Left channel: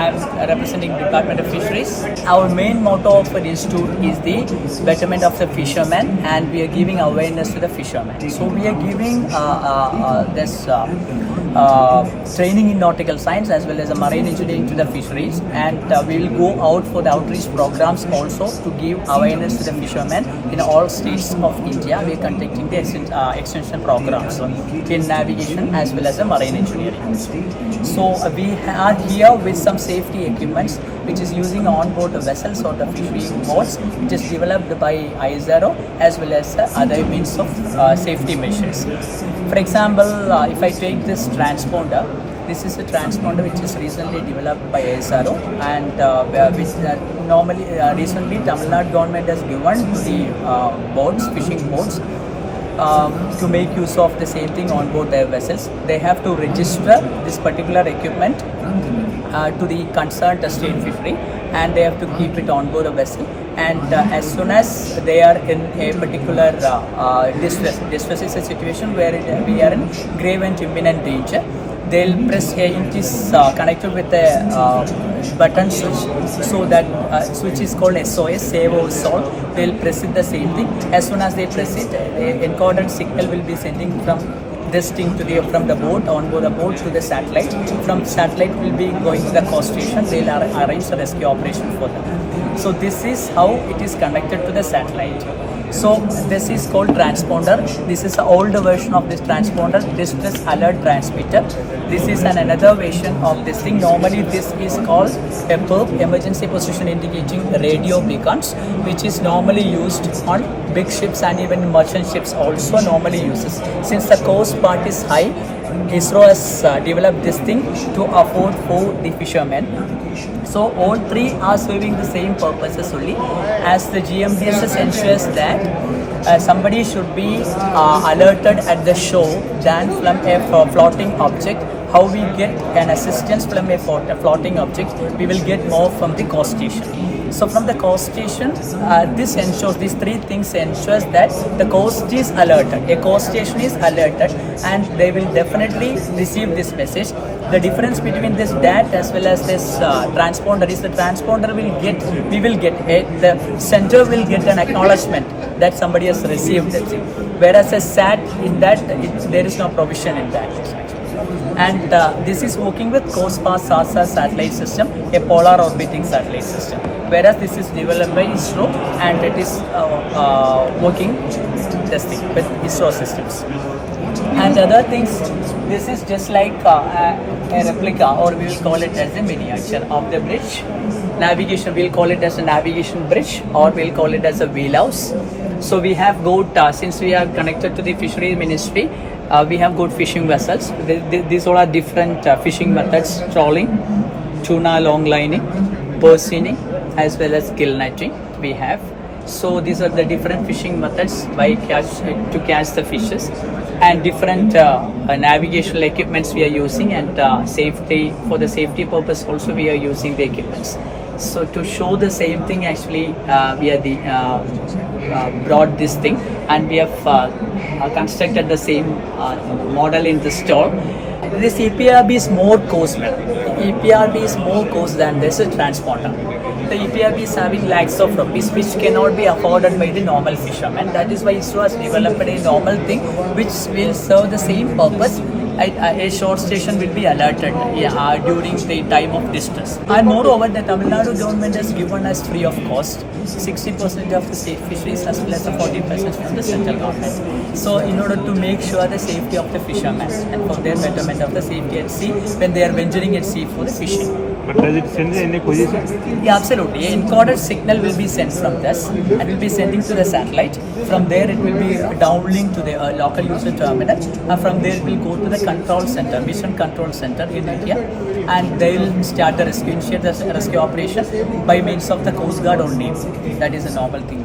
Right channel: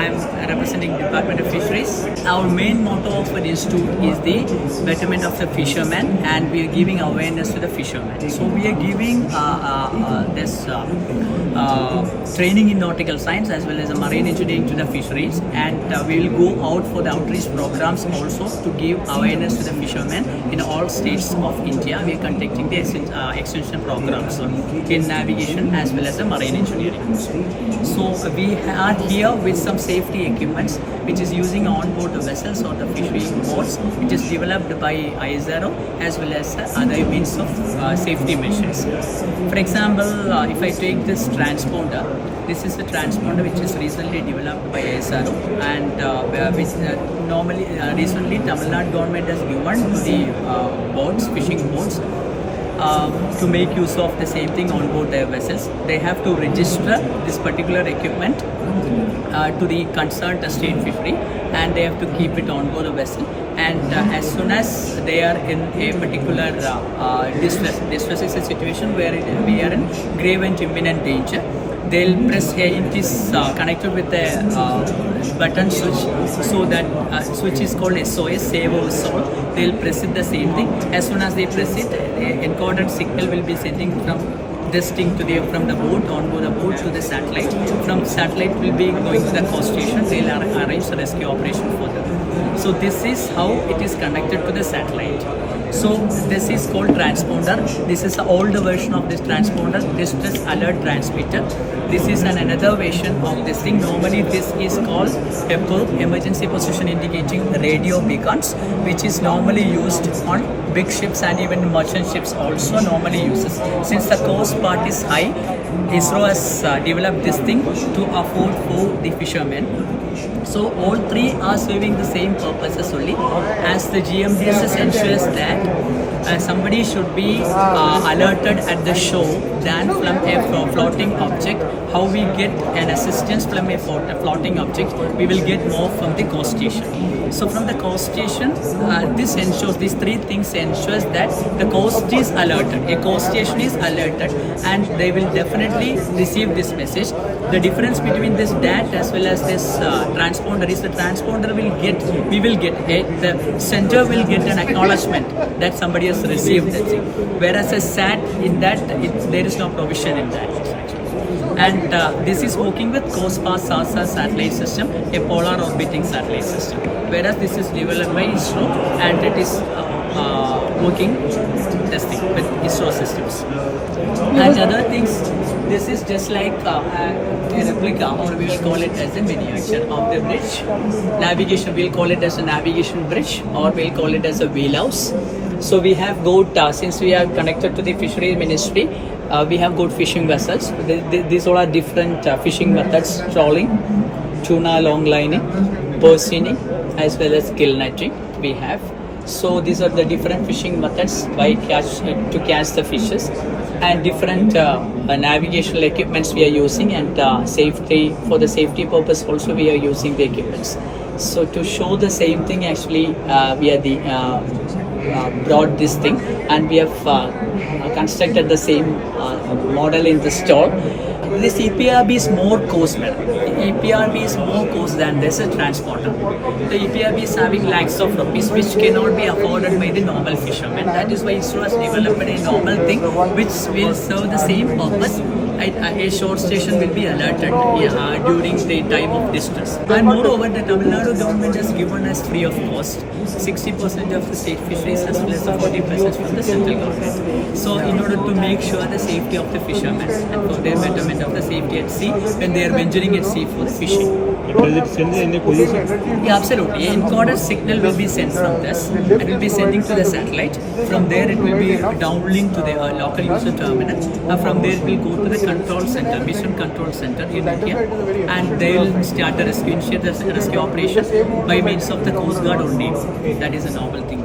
I'm representing Department of Fisheries. Our main motto of the institute is the betterment of the fishermen, and we are giving awareness to the fishermen. So we are giving this training in nautical science as well as marine engineering to the fisheries, and we will go out for the outreach programs also to give awareness to the fishermen in all states of India. We are conducting the extension programs in navigation as well as the marine engineering. So we are here with some safety equipments which is using on-board vessels or the fishery boats, which is developed by ISRO as well as other means of safety measures. For example, if I take this transponder, this is a transponder which is recently developed by ISRO, and which normally recently Tamil Nadu government has given to the boats, fishing boats, to make use of the same thing on board their vessels. They have to register this particular equipment to the concerned state fishery, and they have to keep it on board a vessel. And as soon as they are in a particular distress is a situation where we are in grave and imminent danger, they'll press here. It is connected with a button switch, so that switch is called SOS, Save or Solve. They'll press it the same thing. As soon as they press it, encoded signal will be sending from this thing to the from the boat, on board the boat, to the satellite. From satellite will be going to the coast station. They'll arrange the rescue operation for them. So this is how it is connected to the satellite. So this is called transponder. This is an older version of this transponder, distress alert transmitter. This is another version of this thing. Normally this is called a PERB, emergency position indicating radio beacons, which is normally used on big ships and even merchant ships also normally uses. Since the coast part is high, ISRO has developed this thing to afford for the fishermen. So all three are serving the same purposes only, as the GMDSS ensures that somebody should be alerted at the shore than from a floating object. How we get an assistance from a floating object, we will get more from the coast station. So from the coast station, this ensures, these three things ensures that the coast is alerted, a coast station is alerted, and they will definitely receive this message. The difference between this DAT as well as this transponder is the transponder will get the center will get an acknowledgement that somebody has received that thing, whereas a SAT, in that there is no provision in that actually. And this is working with COSPA SASA satellite system, a polar orbiting satellite system, whereas this is developed by ISRO, and it is working testing with ISRO systems. And other things, this is just like a replica, or we will call it as a miniature of the bridge. Navigation, we'll call it as a navigation bridge, or we'll call it as a wheelhouse. So we have got, since we are connected to the fishery ministry, we have got fishing vessels. These all are different fishing methods: trolling, tuna long lining, porcini, as well as gill netting we have. So these are the different fishing methods to catch the fishes, and different navigational equipments we are using, and safety, for the safety purpose also we are using the equipments. So to show the same thing, actually we are brought this thing, and we have constructed the same model in the store. This EPRB is more cost, madam. EPRB is more cost than this transponder. The EPRB is having lakhs of rupees, which cannot be afforded by the normal fishermen. That is why ISRO has developed a normal thing which will serve the same purpose. A shore station will be alerted during the time of distress. And moreover, the Tamil Nadu government has given us free of cost 60% of the state fisheries as well as the 40% from the central government. So in order to make sure the safety of the fishermen and for their betterment of the safety at sea when they are venturing at sea for the fishing. But does it send any position? Yeah, absolutely. An encoded signal will be sent from this and will be sending to the satellite. From there it will be downlink to the local user terminal. From there it will go to the control center, mission control center in India, and they will start the rescue, initiate the rescue operation by means of the Coast Guard only. That is a normal thing.